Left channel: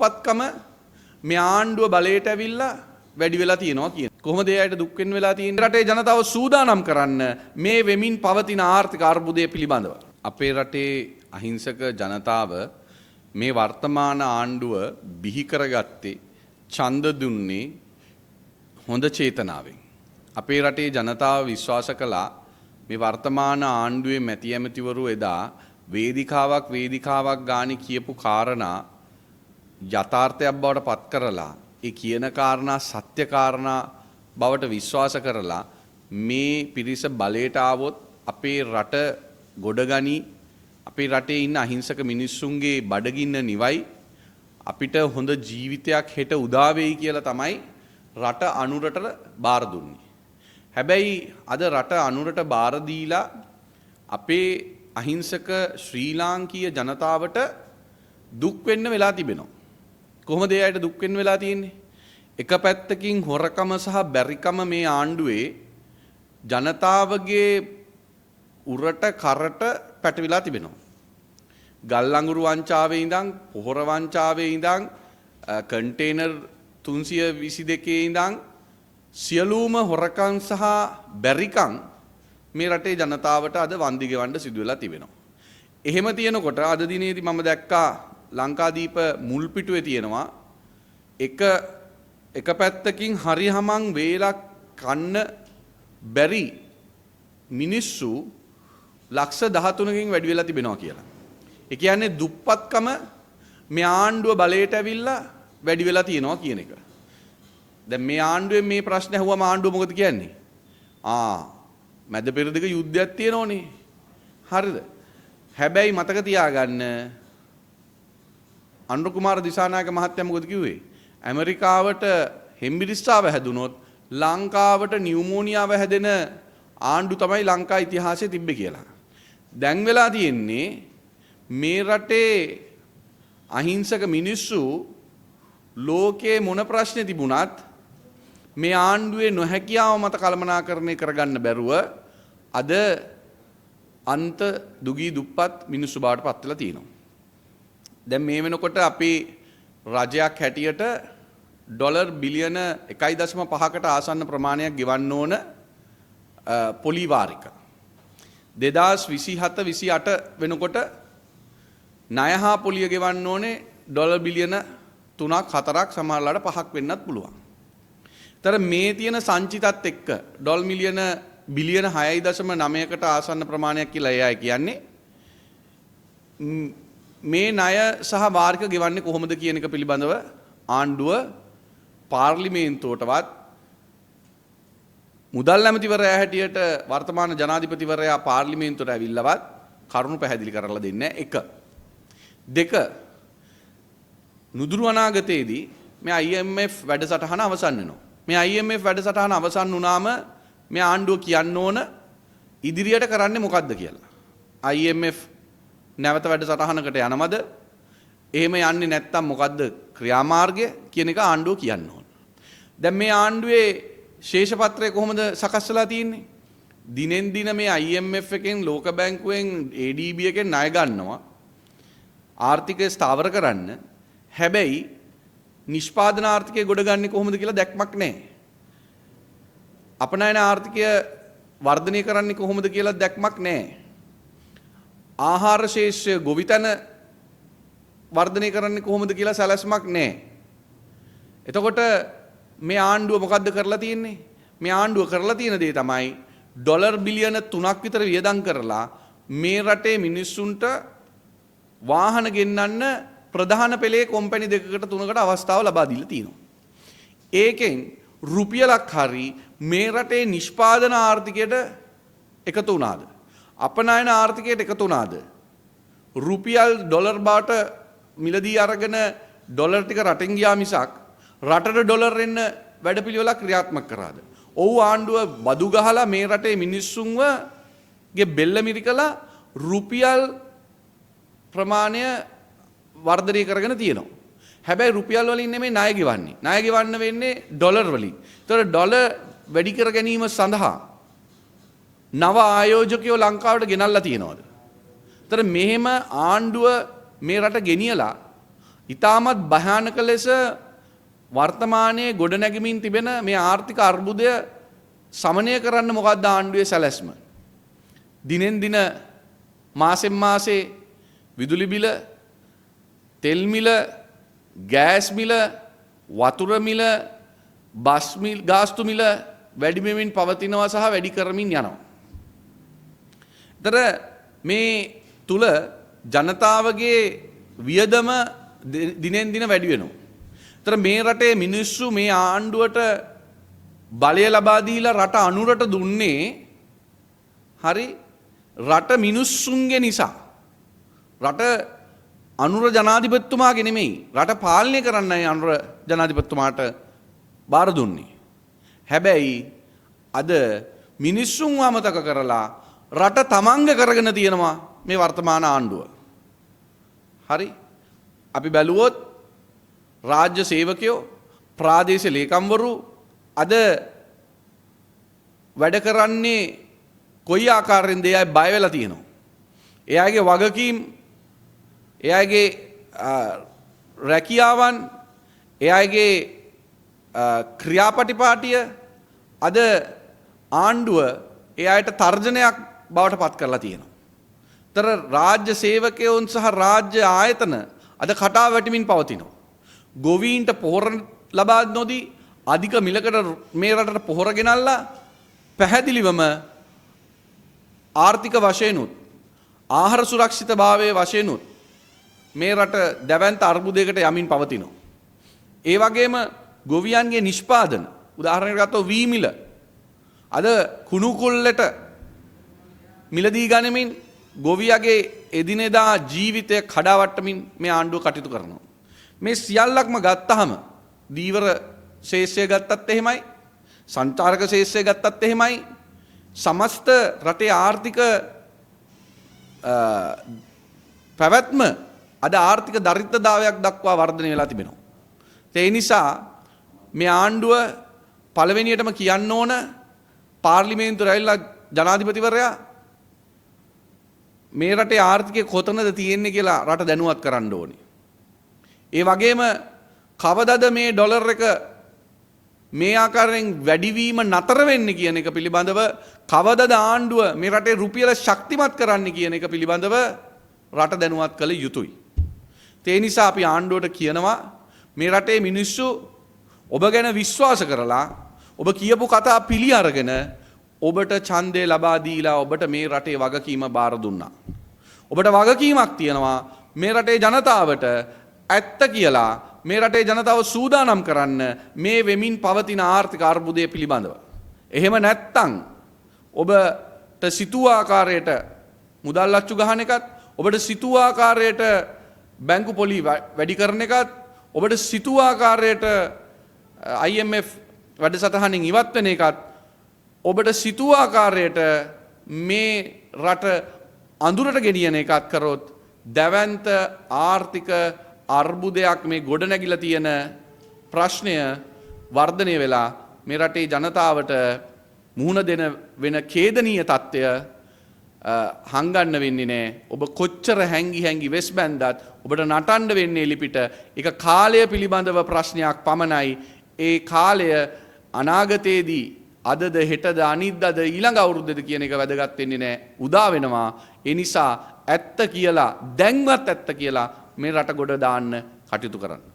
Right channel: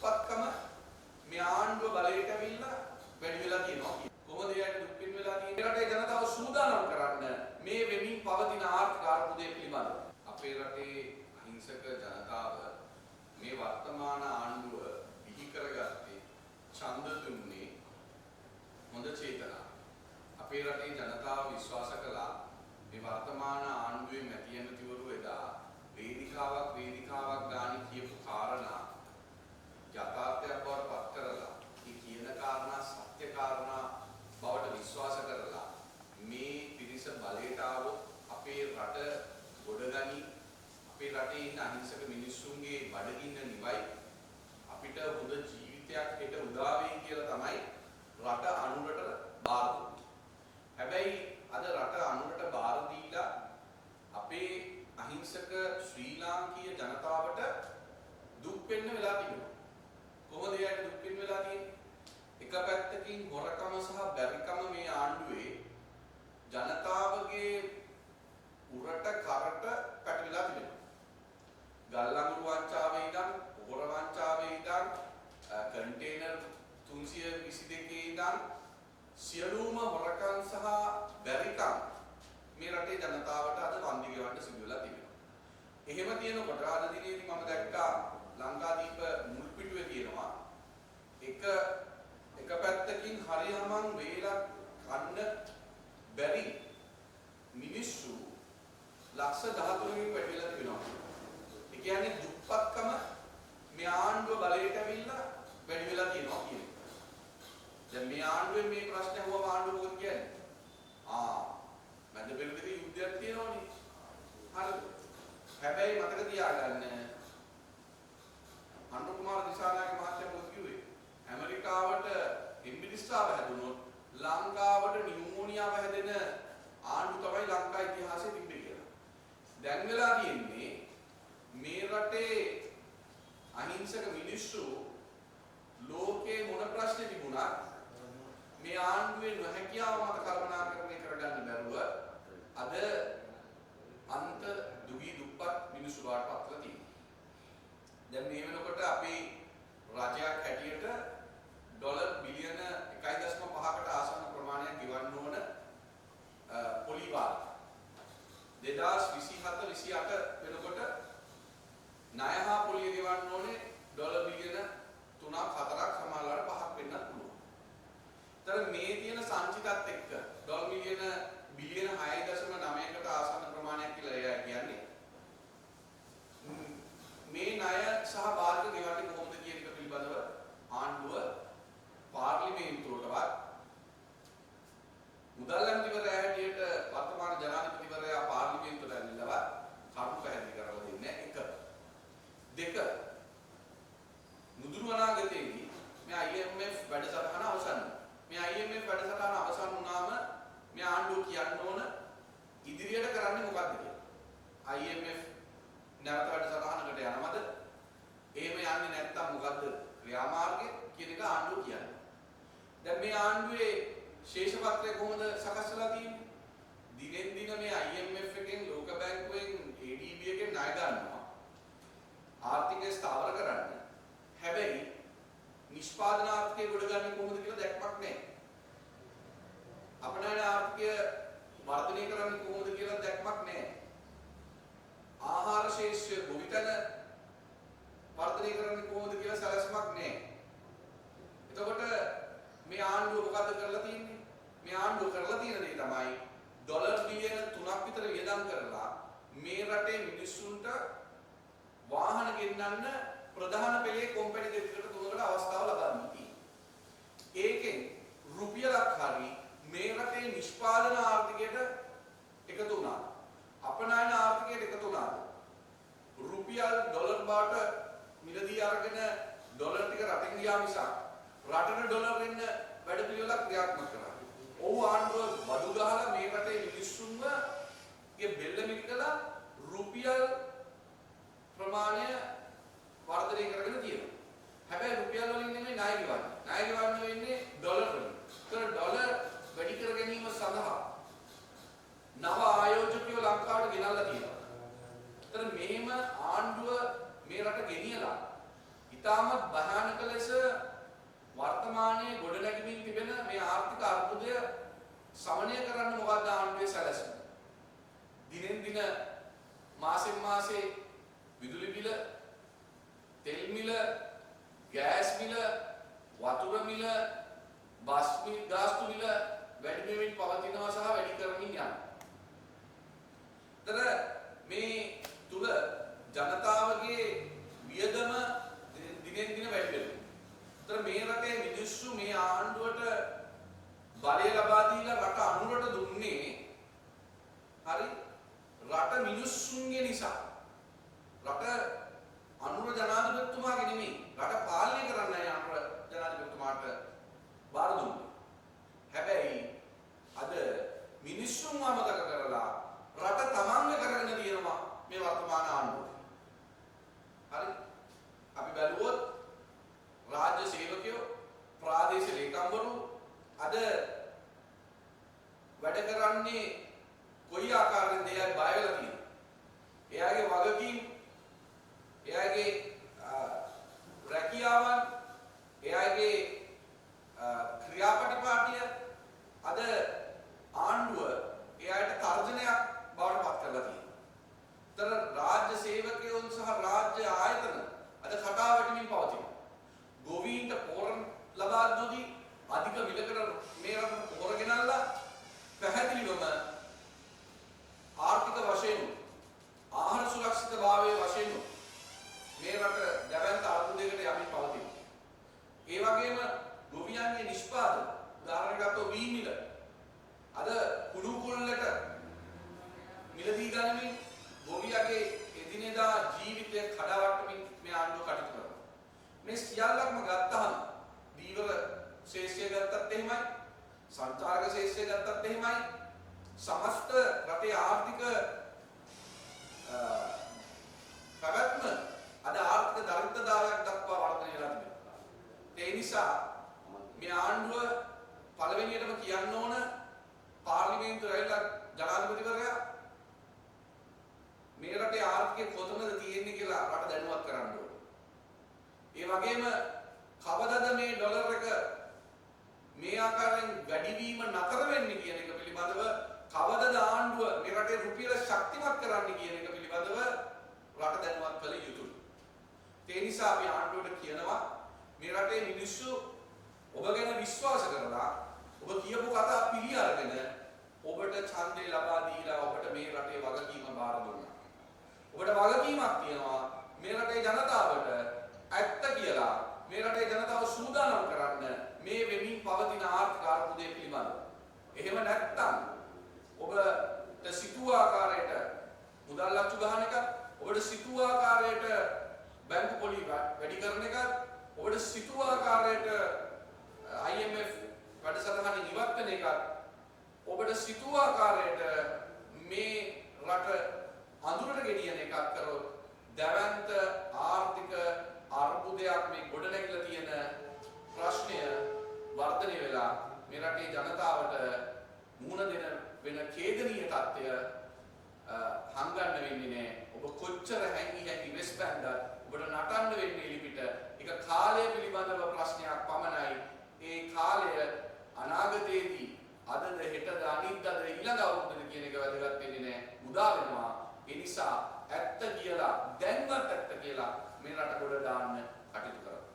දුප්පත්කම මේ ආණ්ඩුව බලයට ඇවිල්ලා වැඩි වෙලා තියෙනවා කියන. කොහොමද ඒ අයට දුක් වෙන්න වෙලා තියෙන්නේ? රටේ ජනතාව සූදානම් කරන්න මේ වෙමින් පවතින ආර්ථික අර්බුදය පිළිබඳව. අපේ රටේ අහිංසක ජනතාව මේ වර්තමාන ආණ්ඩුව බිහි කරගත්තේ ඡන්ද දුන්නේ හොඳ චේතනාවෙන්. අපේ රටේ ජනතාව විශ්වාස කළා මේ වර්තමාන ආණ්ඩුවේ මැති ඇමතිවරු එදා වේදිකාවක් ගානේ කියපු කාරණා යථාර්ථයක් බවට පත් කරලා ඒ කියන කාරණා සත්‍ය කාරණා බවට විශ්වාස කරලා මේ පිරිස බලයට ආවොත් අපේ රට ගොඩගනි අපේ රටේ ඉන්න අහිංසක මිනිස්සුන්ගේ බඩගින්න නිවයි අපිට හොඳ ජීවිතයක් හෙට උදා වෙයි කියලා තමයි රට අනුරට බාර දුන්නේ. හැබැයි අද රට අනුරට බාර දීලා අපේ අහිංසක ශ්‍රී ලාංකීය ජනතාවට දුක් වෙන්න වෙලා තිබෙනවා. කොහොමද ඒ අයට දුක් වෙන්න වෙලා තියෙන්නේ? එක පැත්තකින් හොරකම සහ බැරිකම මේ ආණ්ඩුවේ ජනතාවගේ උරට කරට පැටවිලා තිබෙනවා. ගල් අඟුරු වංචාවේ ඉඳන් පොහොර වංචාවේ ඉඳන් කන්ටේනර් 322 ඉඳන් සියලුම හොරකම් සහ බැරිකම් මේ රටේ ජනතාවට අද වන්දි ගෙවන්න සිදු වෙලා තිබෙනවා. එහෙම තියෙනකොට අද දිනේදී මම දැක්කා ලංකාදීප මුල් පිටුවේ තියෙනවා එක පැත්තකින් හරිහමං වේලක් කන්න බැරි මිනිස්සු ලක්ෂ 13කින් වැඩි වෙලා තිබෙනවා කියලා. ඒ කියන්නේ දුප්පත්කම මේ ආණ්ඩුව බලයට ඇවිල්ලා වැඩි වෙලා තියෙනවා කියන එක. දැන් මේ ආණ්ඩුවෙන් මේ ප්‍රශ්න ඇහුවම ආණ්ඩුව මොකද කියන්නේ? මැද පෙරදිග යුද්ධයක් තියෙනෝනේ. හරිද? හැබැයි මතක තියාගන්න අනුර කුමාර දිසානායක මහත්තයා මොකද කිව්වේ? ඇමරිකාවට හෙම්බිරිස්සාව හැදුනොත් ලංකාවට නියුමෝනියාව හැදෙන ආණ්ඩු තමයි ලංකා ඉතිහාසයේ තිබ්බේ කියලා. දැන් වෙලා තියෙන්නේ මේ රටේ අහිංසක මිනිස්සු ලෝකේ මොන ප්‍රශ්නේ තිබුණත් මේ ආණ්ඩුවේ නොහැකියාව මත කළමනාකරණය කරගන්න බැරුව අද අන්ත දුගී දුප්පත් මිනිස්සු බවට පත් වෙලා තියෙනවා. දැන් මේ වෙනකොට අපේ රජයක් හැටියට ඩොලර් බිලියන 1.5කට ආසන්න ප්‍රමාණයක් ගෙවන්න ඕන පොලි වාරික. 2027-28 වෙනකොට ණය හා පොලිය ගෙවන්න ඕනේ ඩොලර් බිලියන 3ක් 4ක් සමහරලාට 5ක් වෙන්නත් පුළුවන්. තර මේ තියෙන සංචිතත් එක්ක ඩොලර් මිලියන බිලියන 6.9කට ආසන්න ප්‍රමාණයක් කියලා එයයි කියන්නේ. මේ ණය සහ වාරික ගෙවන්නේ කොහොමද කියන එක පිළිබඳව ආණ්ඩුව පාර්ලිමේන්තුවටවත් මුදල් ඇමතිවරයා හැටියට වර්තමාන ජනාධිපතිවරයා පාර්ලිමේන්තුවට ඇවිල්ලවත් කරුණු පැහැදිලි කරලා දෙන්නේ නැහැ. 1. 2. නුදුරු අනාගතයේදී මේ IMF වැඩසටහන අවසන් වෙනවා. මේ IMF වැඩසටහන අවසන් වුණාම මේ ආණ්ඩුව කියන්න ඕන ඉදිරියට කරන්නේ මොකද්ද කියලා. IMF නැවත වැඩසටහනකට යනවද? එහෙම යන්නේ නැත්නම් මොකද්ද ක්‍රියාමාර්ගය කියන එක ආණ්ඩුව කියන්න ඕන. දැන් මේ ආණ්ඩුවේ ශේෂපත්‍රය කොහොමද සකස් වෙලා තියෙන්නේ? දිනෙන් දින මේ IMF එකෙන් ලෝක බැංකුවෙන් ADB එකෙන් ණය ගන්නවා ආර්ථිකය ස්ථාවර කරන්න. හැබැයි නිෂ්පාදන ආර්ථිකය ගොඩගන්නේ කොහොමද කියලා දැක්මක් නැහැ. අපනයන ආර්ථිකය වර්ධනය කරන්නේ කොහොමද කියලා දැක්මක් නැහැ. ආහාර ශේෂ්ත්‍රය ගොවිතැන වර්ධනය කරන්නේ කොහොමද කියලා සැලැස්මක් නැහැ. එතකොට මේ ආණ්ඩුව මොකද්ද කරලා තියෙන්නේ? මේ ආණ්ඩුව කරලා තියෙන දේ තමයි ඩොලර් බිලියන 3ක් විතර වියදම් කරලා මේ රටේ මිනිස්සුන්ට වාහන ගෙන්නන්න ප්‍රධාන පෙළේ කොම්පැනි දෙකකට තුනකට අවස්ථාව ලබා දීලා තියෙනවා. ඒකෙන් රුපියලක් හරි මේ රටේ නිෂ්පාදන ආර්ථිකයට එකතු වුණාද? අපනයන ආර්ථිකයට එකතු වුණාද? රුපියල් ඩොලර් බාට මිලදී අරගෙන ඩොලර් ටික රටෙන් ගියා මිසක් රටට ඩොලර් එන්න වැඩපිළිවෙලක් ක්‍රියාත්මක කරාද? ඔව් ආණ්ඩුව බදු ගහලා මේ රටේ මිනිස්සුන්ගේ බෙල්ල මිරිකලා රුපියල් ප්‍රමාණය වර්ධනය කරගෙන තියෙනවා. හැබැයි රුපියල් වලින් නෙමෙයි ණය ගෙවන්නේ. ණය ගෙවන්න වෙන්නේ ඩොලර් වලින්. ඒතකොට ඩොලර් වැඩි කර ගැනීම සඳහා නව ආයෝජකයෝ ලංකාවට ගෙනල්ලා තියෙනවද? ඒතර මෙහෙම ආණ්ඩුව මේ රට ගෙනියලා ඉතාමත් භයානක ලෙස වර්තමානයේ ගොඩනැගමින් තිබෙන මේ ආර්ථික අර්බුදය සමනය කරන්න මොකක්ද ආණ්ඩුවේ සැලැස්ම. දිනෙන් දින මාසෙන් මාසේ විදුලි බිල, තෙල් මිල, ගෑස් මිල, වතුර මිල, බස් මිල, ගාස්තු මිල වැඩි වෙමින් පවතිනවා සහ වැඩි කරමින් යනවා. ඒතර මේ තුල ජනතාවගේ වියදම දිනෙන් දින වැඩි වෙනවා. ඒතර මේ රටේ මිනිස්සු මේ ආණ්ඩුවට බලය ලබා දීලා රට අනුරට දුන්නේ හරි රට මිනිස්සුන්ගේ නිසා. රට අනුර ජනාධිපතිතුමාගේ නෙමෙයි රට පාලනය කරන්නයි අනුර ජනාධිපතිතුමාට බාර දුන්නේ. හැබැයි අද මිනිස්සුන්ව අමතක කරලා රට තමන්ග කරගෙන තියෙනවා මේ වර්තමාන ආණ්ඩුව. හරි අපි බැලුවොත් රාජ්‍ය සේවකයෝ ප්‍රාදේශීය ලේකම්වරු අද වැඩ කරන්නේ කොයි ආකාරයෙන්ද එයා බය වෙලා තියෙනවා. එයාගේ වගකීම්, එයාගේ රැකියාවන්, එයාගේ ක්‍රියාපටිපාටිය අද ආණ්ඩුව එයාට තර්ජනයක් බවට පත් කරලා තියෙනවා. තර රාජ්‍ය සේවකයෝන් සහ රාජ්‍ය ආයතන අද කටා වැටමින් පවතිනවා. ගොවීන්ට පොහොර ලබා නොදී අධික මිලකට මේ රටට පොහොර ගෙනල්ලා පැහැදිලිවම ආර්ථික වශයෙන්ුත් ආහාර සුරක්ෂිතභාවයේ වශයෙන්ුත් මේ රට දැවැන්ත අර්බුදයකට යමින් පවතිනවා. ඒ වගේම ගොවියන්ගේ නිෂ්පාදන උදාහරණයක් ගත්තොත් වී මිල අද කුණු කොල්ලට මිලදී ගනිමින් ගොවියගේ එදිනෙදා ජීවිතය කඩාවට්ටමින් මේ ආණ්ඩුව කටයුතු කරනවා. මේ සියල්ලක්ම ගත්තහම දීවර ශේෂ්ත්‍රය ගත්තත් එහෙමයි, සංචාරක ශේෂ්ත්‍රය ගත්තත් එහෙමයි, සමස්ත රටේ ආර්ථික පැවැත්ම අද ආර්ථික දරිද්‍රතාවයක් දක්වා වර්ධනය වෙලා තිබෙනවා. ඒ නිසා මේ ආණ්ඩුව පළවෙනියටම කියන්න ඕන පාර්ලිමේන්තුවට ඇවිල්ලා ජනාධිපතිවරයා මේ රටේ ආර්ථිකය කොතනද තියෙන්නේ කියලා රට දැනුවත් කරන්න ඕනේ. ඒ වගේම කවදද මේ ඩොලර් එක මේ ආකාරයෙන් වැඩිවීම නතර වෙන්නේ කියන එක පිළිබඳව කවදද ආණ්ඩුව මේ රටේ රුපියල ශක්තිමත් කරන්න කියන එක පිළිබඳව රට දැනුවත් කළ යුතුයි. ඒ නිසා අපි ආණ්ඩුවට කියනවා මේ රටේ මිනිස්සු ඔබ ගැන විශ්වාස කරලා ඔබ කියපු කතා පිළි අරගෙන ඔබට ඡන්දය ලබා දීලා ඔබට මේ රටේ වගකීම බාර දුන්නා. ඔබට වගකීමක් තියෙනවා මේ රටේ ජනතාවට ඇත්ත කියලා මේ රටේ ජනතාව සූදානම් කරන්න මේ වෙමින් පවතින ආර්ථික අර්බුදය පිළිබඳව. එහෙම නැත්තම් ඔබට සිතූ ආකාරයට මුදල් අච්චු ගහන එකත්, ඔබට සිතූ ආකාරයට බැංකු පොලි වැඩි කරන එකත්, ඔබට සිතූ ආකාරයට IMF වැඩසටහනින් ඉවත් වෙන එකත්, ඔබට සිතූ ආකාරයට මේ රට අඳුරට ගෙනියන එකත් කරොත් දැවැන්ත ආර්ථික අර්බුදයක් මේ ගොඩනැගිලා තියෙන ප්‍රශ්නය වර්ධනය වෙලා මේ රටේ ජනතාවට මුහුණ දෙන වෙන ඛේදනීය තත්ත්වය හංගන්න වෙන්නේ නැහැ. ඔබ කොච්චර හැංගි වෙස් බැන්දත් ඔබට නටන්න වෙන්නේ එලිපිට. ඒක කාලය පිළිබඳව ප්‍රශ්නයක් පමණයි. ඒ කාලය අනාගතයේදී අදද හෙටද අනිද්දාද ඊළඟ අවුරුද්දද කියන එක වැදගත් වෙන්නේ නැහැ. උදා වෙනවා. ඒ නිසා ඇත්ත කියලා දැන්වත් ඇත්ත කියලා මේ රට ගොඩ දාන්න කටයුතු කරන්න.